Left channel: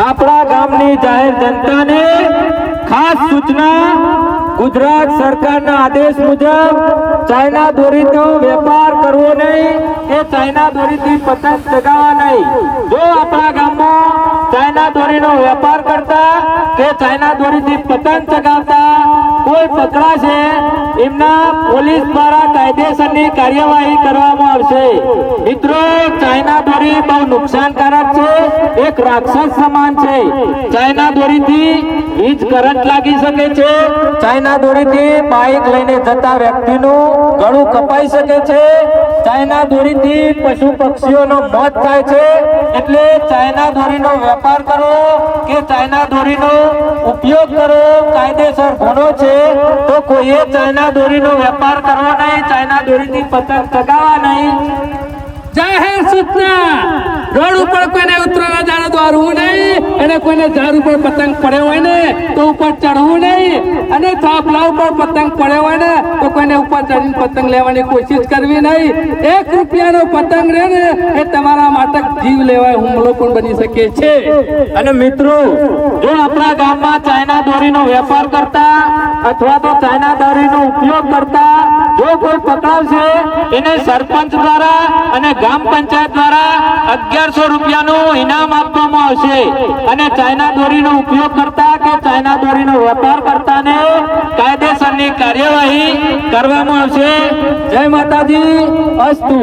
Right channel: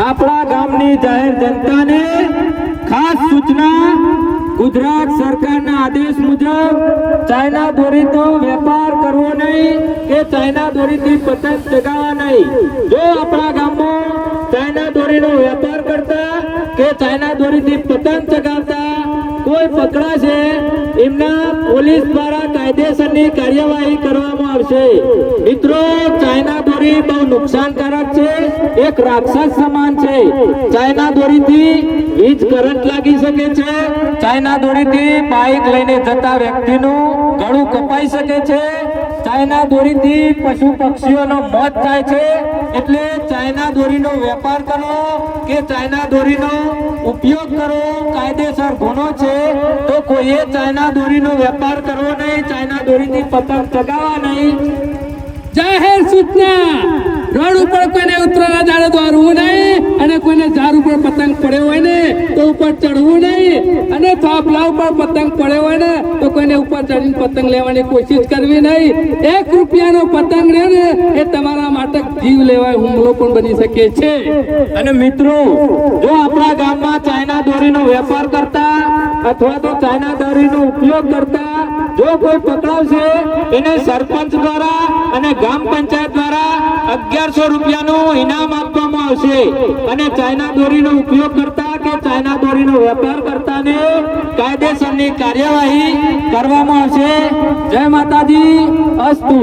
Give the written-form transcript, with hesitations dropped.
આપણા ગામની જાહેર જનતાને ખાસ સૂચના ગુજરાત સરકારના આદેશ મુજબ ચાઇના દોરીનો વેપાર કરવો નહીં કે ચાઇના દોરીથી પતંગ ચગાવવા નહીં। જો આપણા ગામમાં ચાઇના દોરીનો વેપાર કરતા કે ચાઇના દોરીથી પતંગ ચગાવતા કોઈ પકડાશે એમના પોલીસ દ્વારા કાયદેસરની કાર્યવાહી કરવામાં આવશે। મિત્રો, ચાઇના દોરી બહુ નુકસાનકારક છે, એક રાક્ષસ સમાન છે। ચાઇના દોરીથી વીજ કરંટ લાગી શકે છે, ચાઇના દોરીથી બાઇક લઈને જતા વ્યક્તિનું ગળું કપાઈ શકે છે, ચાઇના દોરીથી પશુ પક્ષીઓનો મોત થાય છે। એટલે ચાઇના દોરીનો વેપાર કરો કે ચાઇના દોરીનો ઉપયોગ કરો કાયદેસર ગુનો છે। તો કોઈએ ચાઇના દોરીનો વેપાર કરવો નહીં, ચાઇના દોરીથી પતંગ ચગાવવા નહીં। જાહેર સૂચના, રોડ ઉપર કોઈને ઉતરવા ઝાડ દોરવું નહીં અને કોઈને ઝાડ ઉપર પતંગ પડ્યો હોય ને તો ઉપર ચડવું નહીં અને થાંભલા ઉપર પતંગ પડ્યો હોય ને તો કોઈને ઉપર ચડીને પતંગ લેવાની કોશિશ કરવી નહીં। 1 રૂપિયાનો પતંગ રહે ને એ તમારા માટે જીવ લેવાય હુમલો પણ બની શકે છે। અને મિત્રો, જો આપણા ગામમાં ચાઇના દોરીનો વેપાર કરતા અથવા તો ચાઇના દોરીનો ઉપયોગ કરતા જો કોઈ પકડાવશે એને સરપંચ દ્વારા અને ગ્રામ પંચાયત દ્વારા 1100 રૂપિયાનું ઇનામ આપવામાં આવશે। અને ચાઇના દોરીનો ઉપયોગ કરતા કે ચાઇના દોરીનો વેપાર કરતાને કાયદેસરની કાર્યવાહી કરવામાં આવશે। જય માતાજી, અસ્તુ।